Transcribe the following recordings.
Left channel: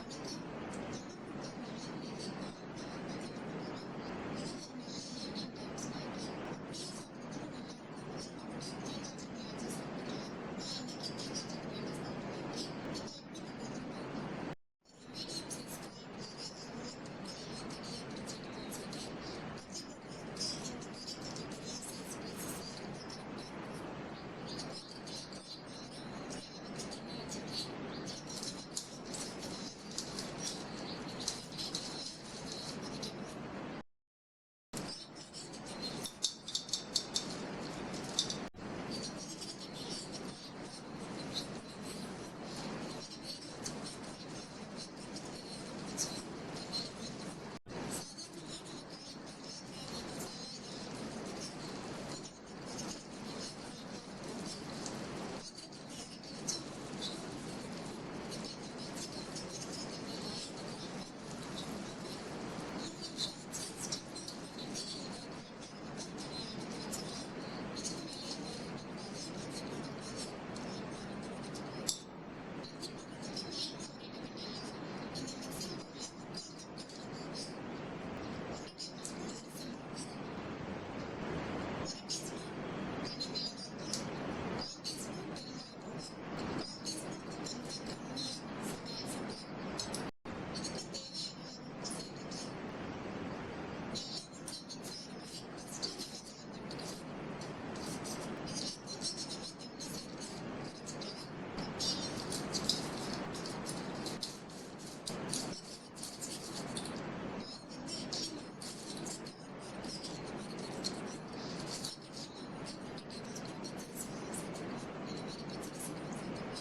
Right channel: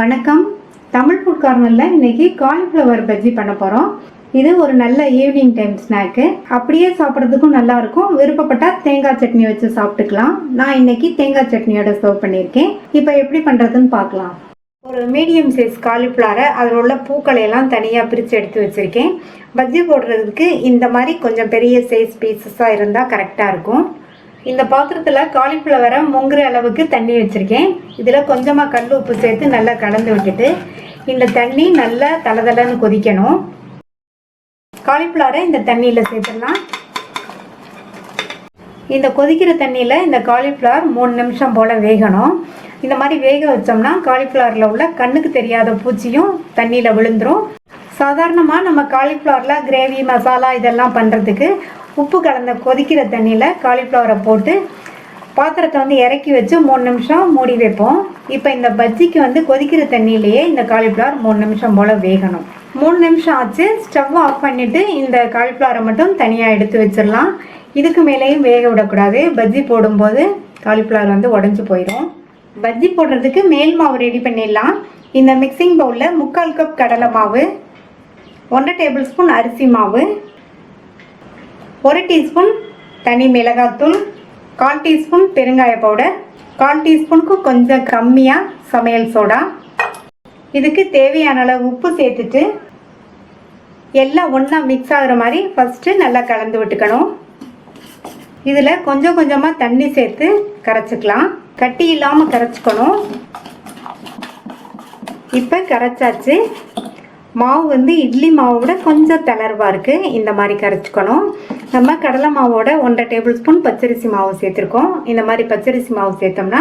வணக்கம். தமிழ் ஃபுட் கார்னரில் இன்றைக்கி காலிஃப்ளவர் பஜ்ஜி பண்ண போகிறோம். இது ஒரு நல்ல ஈவினிங் டைம் ஸ்நாக்கு. அப்படியே சாப்பிட்றதுக்கும் நல்லாயிருக்கும். விருப்பப்பட்டால் தேங்காய் சட்னி வச்சு சாப்பிட்டுக்கலாம். நான் இன்றைக்கி தேங்காய் சட்னியோட சர்வ் பண்ணியிருக்கேன். இப்போ எப்படி பண்ணுறதுன்னு பார்க்கலாம். ஒரு மீடியம் சைஸ் காலிஃப்ளவரை அதில் உள்ள பூக்களையெல்லாம் தனியாக பிரித்து எடுத்து வச்சுருக்கேன். பஜ்ஜி போடுறதுக்கு இந்த மாதிரி கொஞ்சம் பெரிய சைஸ் பீசஸாக இருந்தால் கரெக்டாக இருக்கும். இந்த பாத்திரத்தில் காலிஃப்ளவரை முங்குற அளவுக்கு தண்ணி வச்சுருக்கேன். இதில் கொஞ்சமாக கல் உப்பு சேர்த்து நல்லா கலந்து விட்டுட்டு இந்த தண்ணி நல்லா தளதளன்னு கொதிக்கணும். காலிஃப்ளவரை இந்த தண்ணியில் சேர்த்துடலாம். இந்த கொதிக்கிற தண்ணியில் இந்த காலிஃப்ளவர் 3 நிமிஷம் போல் வேகணும். இந்த மாதிரி வேக வச்சோம்னா காலிஃப்ளவரில் உள்ள கண்ணுக்கு தெரியாத பூச்சியும் தண்ணியில் விழுந்துடும். சாதாரணமாக நம்ம காலிஃப்ளவரில் கிரேவி மசாலா இதெல்லாம் பண்ணுறதுக்கு உப்பு கலந்த கொதிக்கிற தண்ணியில் காலிஃப்ளவரை போட்டு பாத்திரத்தை இறக்கி வச்சு 3 நிமிஷம் மூடி வைப்போம். இப்போ இந்த பஜ்ஜிக்கு கொதிக்கிற தண்ணியிலேயே இந்த காலிஃப்ளவர் 3 நிமிஷம் போல் வேகணும். 3 நிமிஷம் ஆச்சு. ஸ்டவ் ஆஃப் பண்ணிவிட்டு இந்த காலிஃப்ளவரை மட்டும் தனியாக எடுத்து வச்சிடலாம். இதுக்கு மேலேயும் வேக விடக்கூடாது. பஜ்ஜி போடும்போது காலிஃப்ளவர் உடஞ்சி போயிடும். பஜ்ஜி போடுறதுக்கு மேல் மாவு ரெடி பண்ணிடலாம். இந்த மிக்சிங் பவுலில் 3/4 கப் கடலை மாவு, 1 டேபிள் ஸ்பூன் அரிசி மாவு, 1 டீஸ்பூன் தனி மிளகாத்தூள், 1/4 டீஸ்பூன் பெருங்காய பவுடர், 1/4 டீஸ்பூனுக்கு கொஞ்சம் கம்மியாக சமையல் சோடா, இதுக்கு தேவையான அளவு உப்பு சேர்த்துட்டு எல்லாம் ஒன்றா மிக்ஸ் ஆகிற மாதிரி ஃபஸ்ட்டு நல்லா கலந்து விட்டுக்கணும். இதில் கொஞ்சம் கொஞ்சமாக தண்ணி சேர்த்து கரைச்சிக்கலாம். கட்டி இல்லாமல் கரைச்சிக்கணும். இப்போ கரைச்சாச்சு. மாவு இட்லி மாவோட கொஞ்சம் தளர்வாக இருக்குது. இந்த மாதிரி கரைச்சிக்கணும். நம்ம கடலை மாவோட 1/2 டேபிள் ஸ்பூன் பச்சரிசி மாவு சேர்த்துருக்கோம். இந்த மாதிரி பச்சரிசி மாவு சேர்த்தோம்னா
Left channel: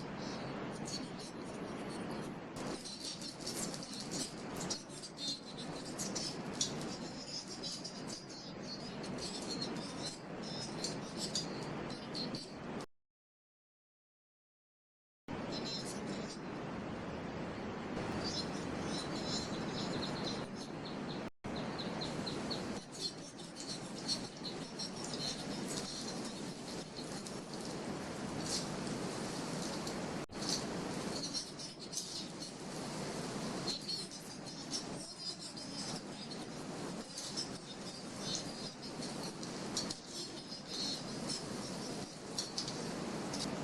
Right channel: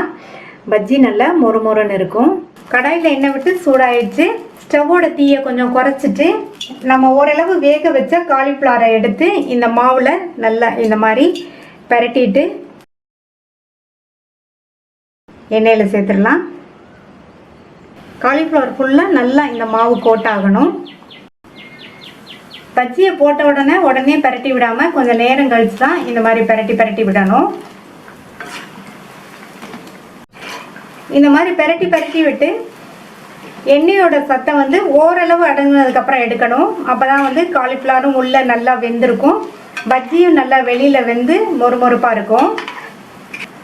பஜ்ஜி நல்லா மொறுமொறுன்னு இருக்கும். கடாயில் எண்ணெய் விட்டு சூடாயிடுச்சு. ஸ்டவ்வோட தீயை கொஞ்சம் குறைச்சிட்டு நம்ம ஓரளவு வேக வச்ச காலிஃப்ளவரை எடுத்து இந்த மாவில் நல்லா இந்த மாதிரி பரட்டிட்டு எண்ணெயில் சேர்த்துடலாம். காலிஃப்ளவர் ஃபுல்லாக நல்லா இந்த மாவு கோட் ஆகணும். பஜ்ஜியை போட்ட உடனே பரட்டி விடாமல் கொஞ்சம் நேரம் கழிச்சு தான் இந்த மாதிரி பரட்டி விடணும். இந்த மாதிரி பரட்டி விட்டு எண்ணெயோட சத்தம் ஓரளவு அடங்கினதுக்கப்புறம் எடுக்கணும். அப்போ தான் காலிஃப்ளவரும் உள்ளே நல்லா வெந்திருக்கும். பஜ்ஜியும் நல்லா வெளியில் வெந்து மொறுமொறுப்பாக இருக்கும்.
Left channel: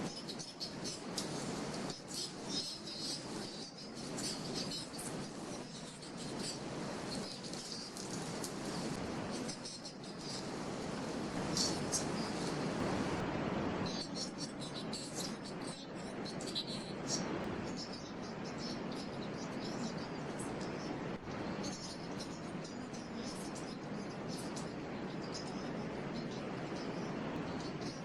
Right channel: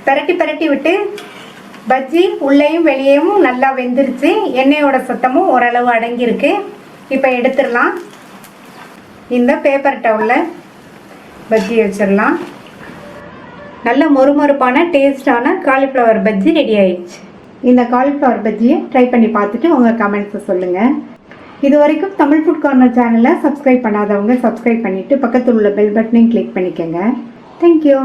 பரட்டி விட்டு பஜ்ஜி உள்ளேயும் வெளியேயும் நல்லா வெந்துருச்சு. எண்ணெயோட சத்தமும் ஓரளவு அடங்கியிருக்கு. இப்போ எடுத்துடலாம். இந்த பேப்பர் டவுலில் பஜ்ஜி வச்சிடலாம். நல்ல மொறுமொறுப்பான டேஸ்டான காலிஃப்ளவர் பஜ்ஜி ரெடி ஆயிடுச்சு. இந்த காலிஃப்ளவர் பஜ்ஜியை ட்ரை பண்ணி பார்த்துட்டு உங்கள் கமெண்ட்ஸை சொல்லுங்கள். இது வரைக்கும் தமிழ் ஃபுட் கார்னர் சேனலை சப்ஸ்கிரைப் பண்ணாதவங்க சப்ஸ்கிரைப் பண்ணிவிட்டு பக்கத்தில் உள்ள பெல் பட்டனையும் கிளிக் பண்ணிக்கோங்க. தேங்க்யூ.